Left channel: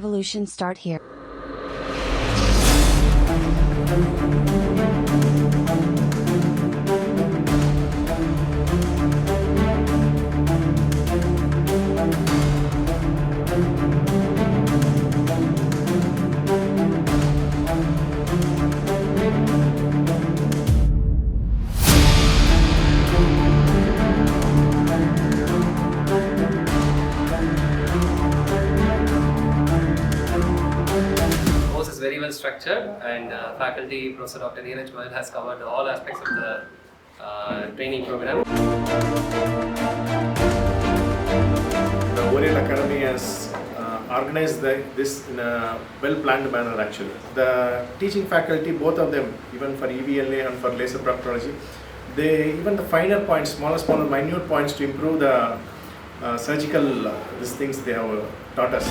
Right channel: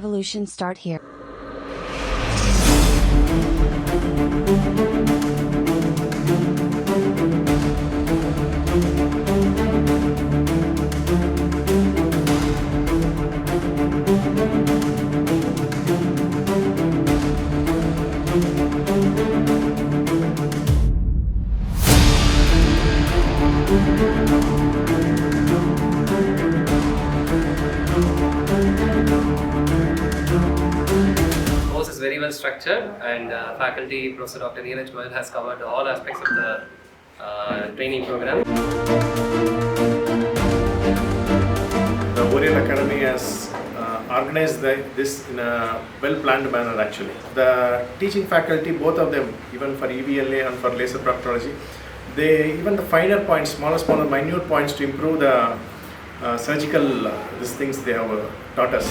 revolution start here. Is very well structured, and faculty Professor Dr. Neeraj Goyal has covered all aspects of the training program. The Oreol Academy has organized this in a well-planned manner actually. The teaching faculty, both of them, even for EVLA and for laser proctology, even the finer points, smaller minute points to improve the surgical these things they have taught us.